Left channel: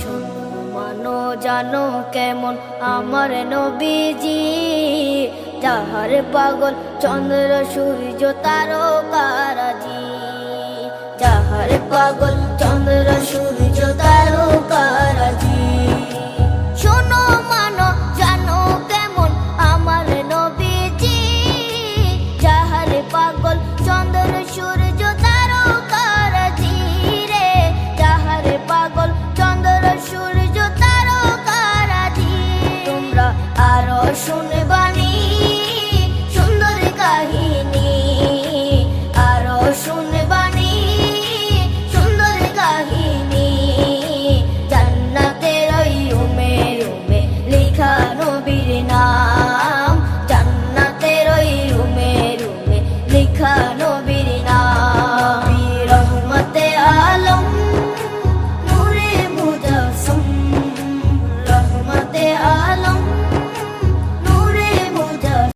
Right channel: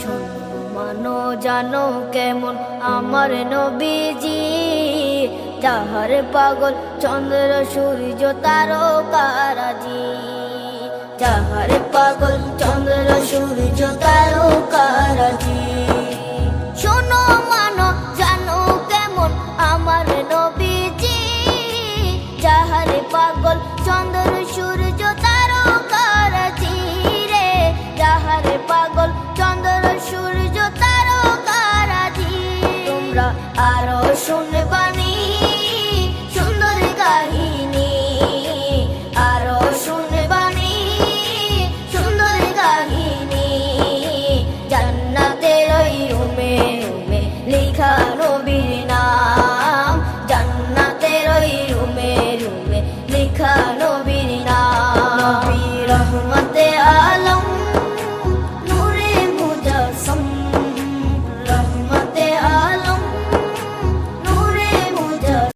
শোনো মানো জানো কেমন আমার নবীজি, যাহার পাগল চন্দ্র সূর্য তারকারাজি, যাহার পাগল চন্দ্র সূর্য তারকারাজি। শোনো মানো জানো কেমন আমার নবীজি, যাহার পাগল চন্দ্র সূর্য তারকারাজি রে, যাহার পাগল চন্দ্র সূর্য তারকারাজি। তোমরা আরো শুনবা